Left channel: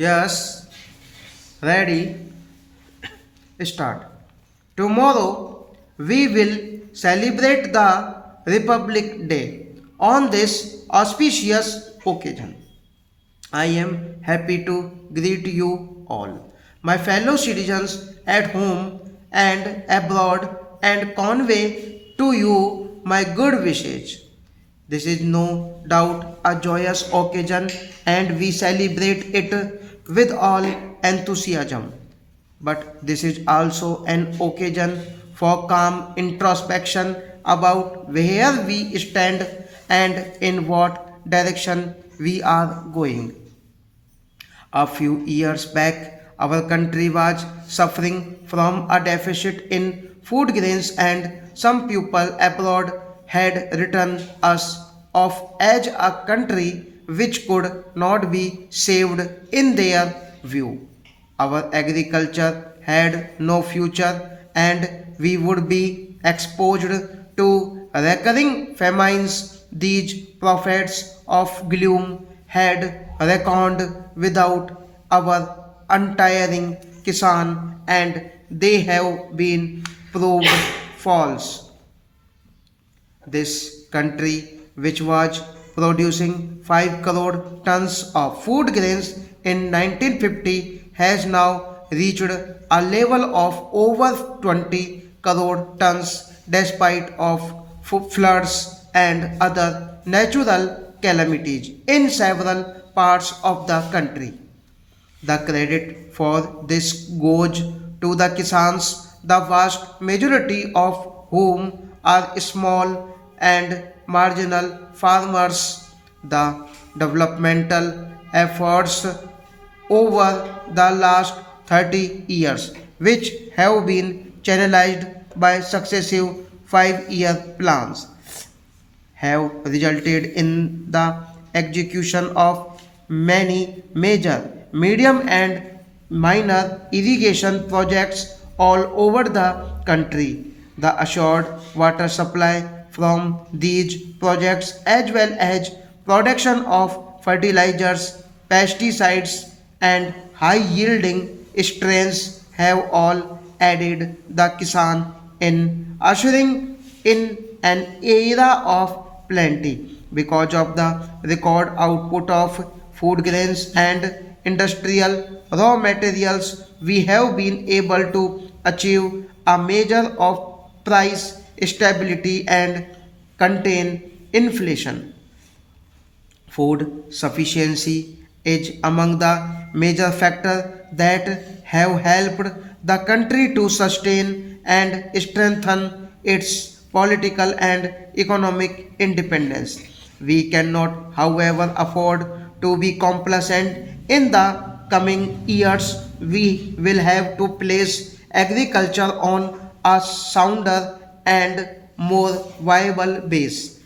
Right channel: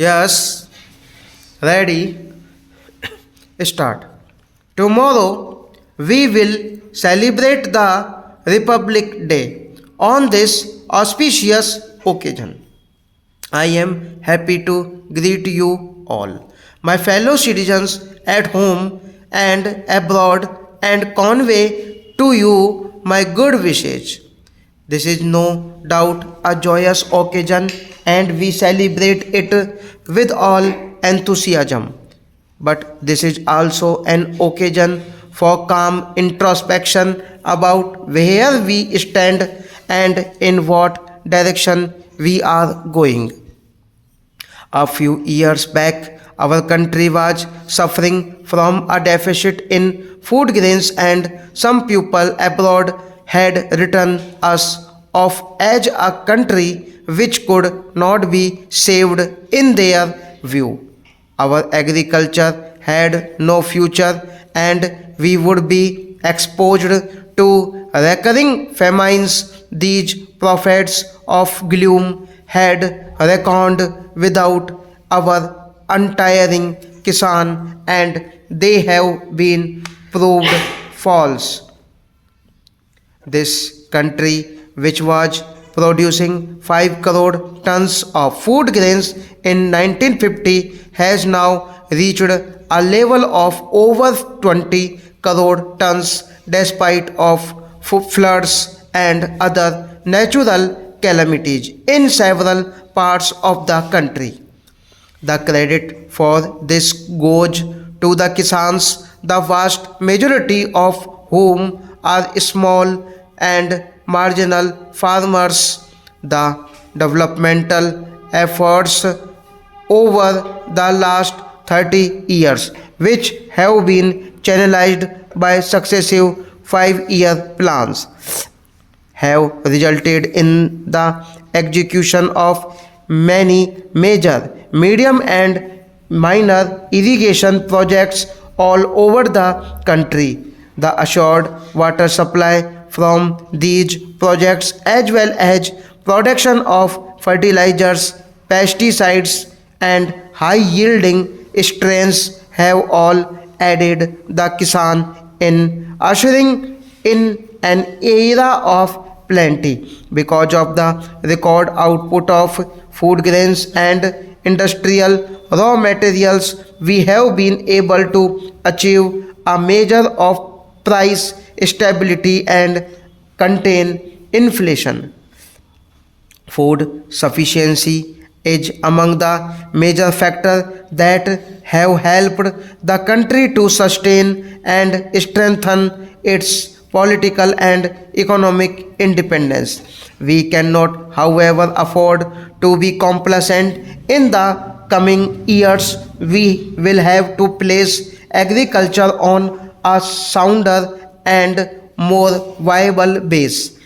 Yes, ready, start. Tomorrow we will celebrate the Republic Day. On this auspicious occasion, I am happy to greet you all, my fellow citizens at home and abroad, and convey to you my good wishes. This is no doubt a joyous occasion and we celebrate it with all enthusiasm. But this is also an occasion for calm introspection about where we stand and in what direction we are going. A few years back, our country was suffering from a deficit in food grains, and some people abroad had written us off as a country which could not be saved in their view. Our agriculture had no future, and we would be exposed to recurring famines. These prophets of gloom had reckoned without our untiring Kisan, and they have been proved false. This country, which was producing 5 crore tons of food grains in 1950, has now reached a level of over 20 crore tons despite of floods and other natural calamities in several parts of the country. The credit for this goes to the Kisans, the vast majority of whom are small and marginal farmers. The developmental efforts over the last 30 years, which have been channelized by successive 5-year plans, have resulted in the execution of many major, medium, and minor irrigation projects all over the country. The assured water supply from these projects, as well as production of fertilizers, pesticides, and high yielding strains, have all aided the Kisan in ushering in an era of plenty. Because of the record output of food grains and industrial raw materials, we have been able to achieve a measure of price stability and contain inflation. Food sufficiency is among the major factors that have helped the country to sustain and strengthen its political and economic independence. We cannot, however, afford to be complacent. In the coming years, we will have to place agriculture on a sounder and more viable base.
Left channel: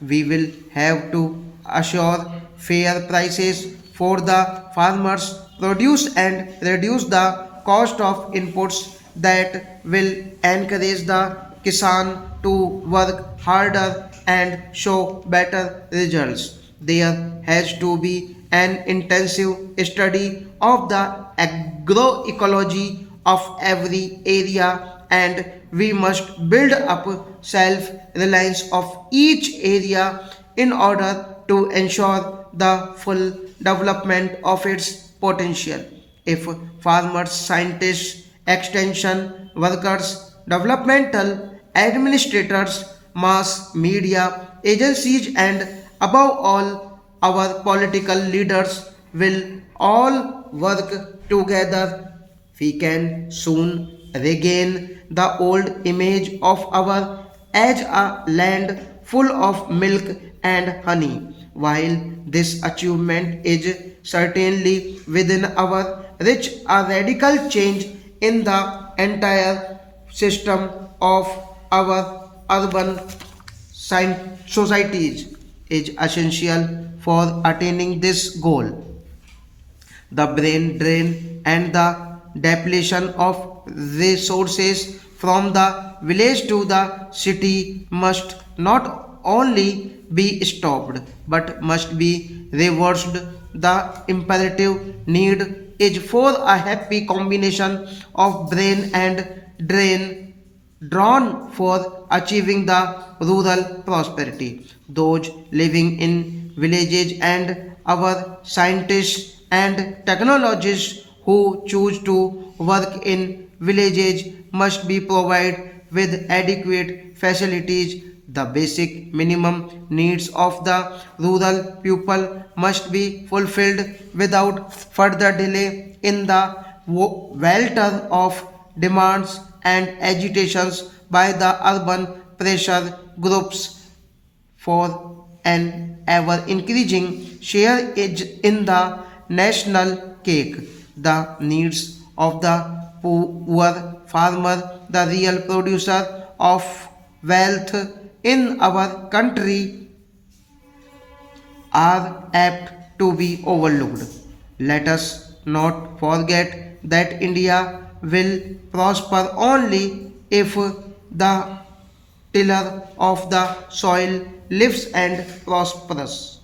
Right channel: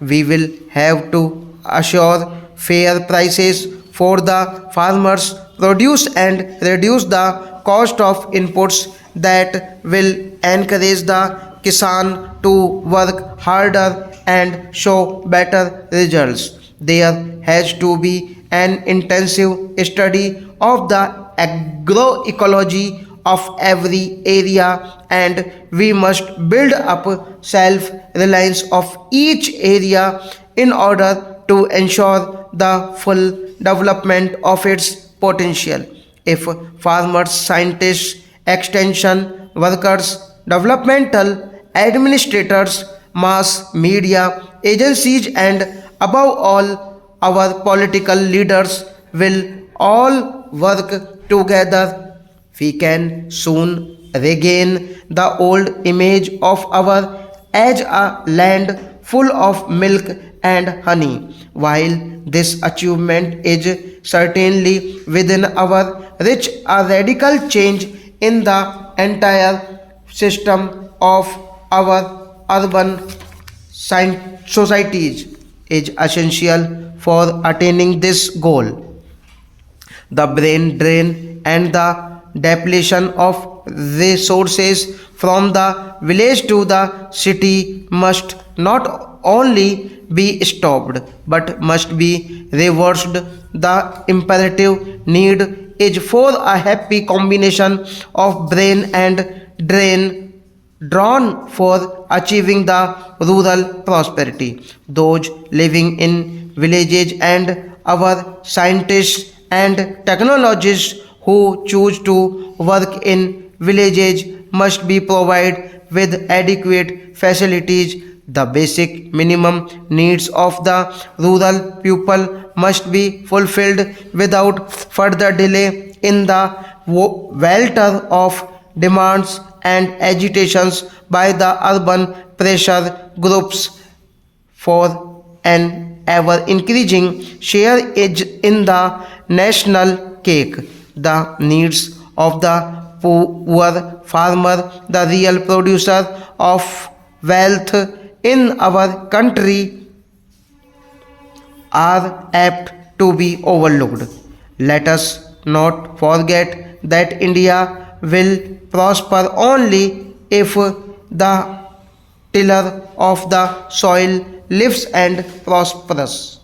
We will have to assure fair prices for the farmers' produce and reduce the cost of inputs that will encourage the Kisan to work harder and show better results. There has to be an intensive study of the agroecology of every area, and we must build up self reliance of each area in order to ensure the full development of its potential. If farmers, scientists, extension workers, developmental administrators, mass media agencies, and above all, our political leaders will all work together, we can soon regain the old image of our as a land full of milk and honey. While this achievement is certainly within our reach, a radical change in the entire system of our urban societies is essential for attaining this goal. The brain drain and the depletion of resources from the village to the city must not only be stopped but must be reversed. The imperative need is for a happy combination of brain and drain drawn for achieving the rural prosperity. Those living in villages and our scientists and technologists who choose to work in villages must be provided with adequate facilities. The basic minimum needs of the rural people must be fulfilled without further delay in the welter of demands and agitations by the urban pressure groups for an ever increasing share in the national cake. The needs of the poor farmer, the real producer of wealth in our country, are apt to be overlooked. Let us not forget that India will prosper only if the tiller of the soil lives and prospers.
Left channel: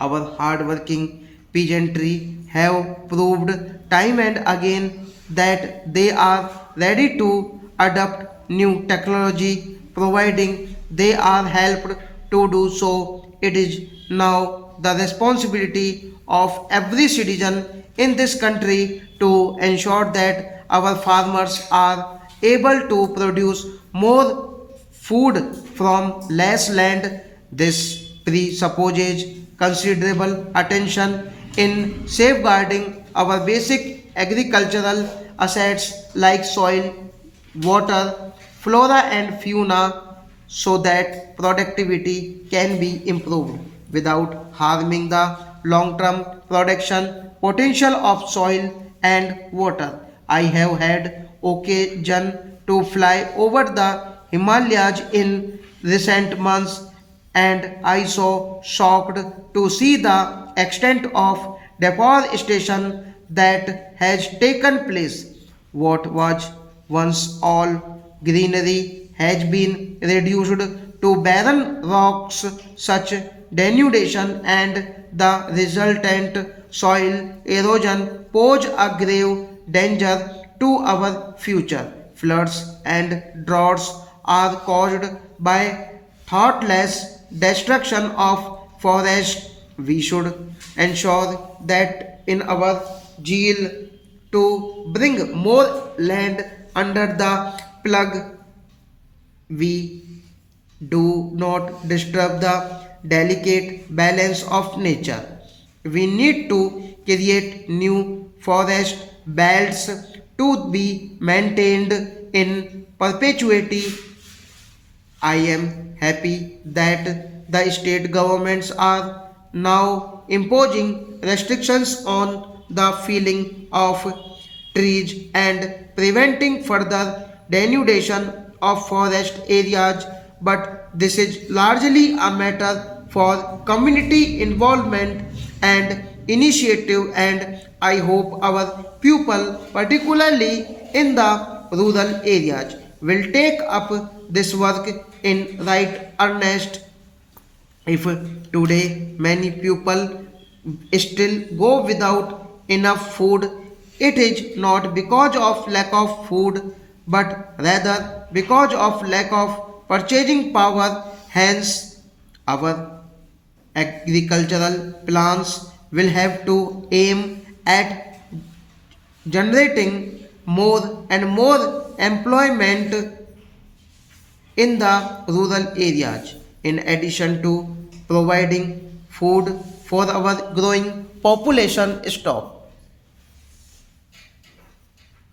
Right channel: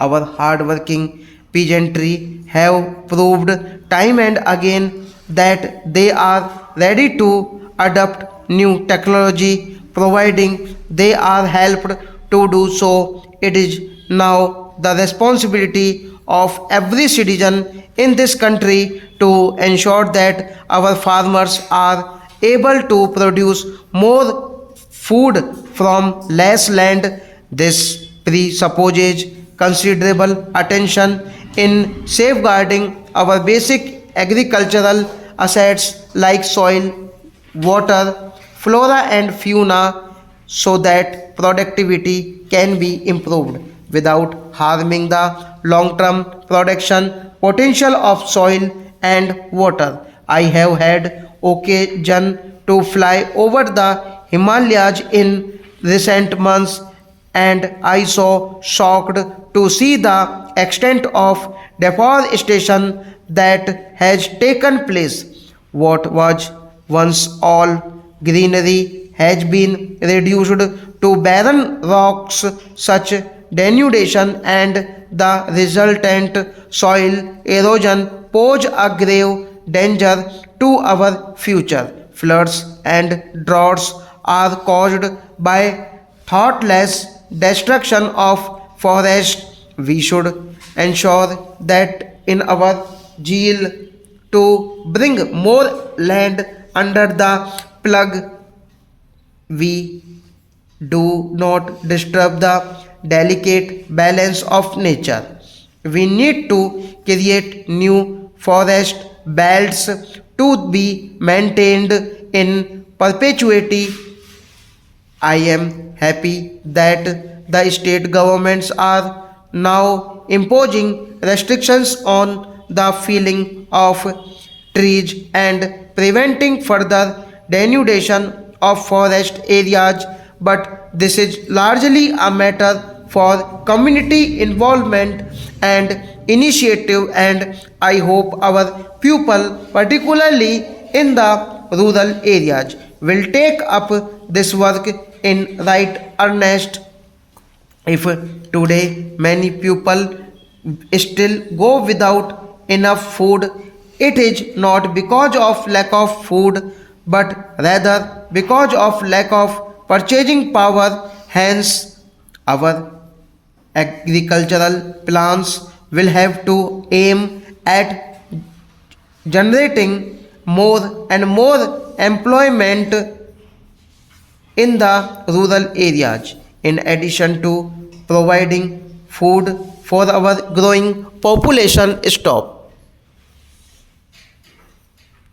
Our hard-working peasantry have proved time and again that they are ready to adopt new technology, providing they are helped to do so. It is now the responsibility of every citizen in this country to ensure that our farmers are able to produce more food from less land. This presupposes considerable attention in safeguarding our basic agricultural assets like soil, water, flora and fauna, so that productivity can be improved without harming the long-term production potential of soil and water. I have had occasion to fly over the Himalayas in recent months, and I saw shocked to see the extent of deforestation that has taken place. What was once all greenery has been reduced to barren rocks. Such denudation and the resultant soil erosion pose a grave danger to our future. Floods and droughts are caused by thoughtless destruction of forests. We should ensure that in our zeal to bring more land under the plug, we do not disturb the delicate balance of nature. We need to create new forest belts to be maintained in perpetuity. I am happy that the state governments are now imposing restrictions on the felling of trees and preventing further denudation of forest areas, but this is largely a matter for community involvement and initiative, and I hope our people, particularly in the rural areas, will take up this work in right earnest. If today many people still go without enough food, it is not because of lack of food, but rather because of lack of purchasing power. Hence, our agricultural plans will have to aim at generating more and more employment in the rural areas, in addition to providing food for our growing population. Stop.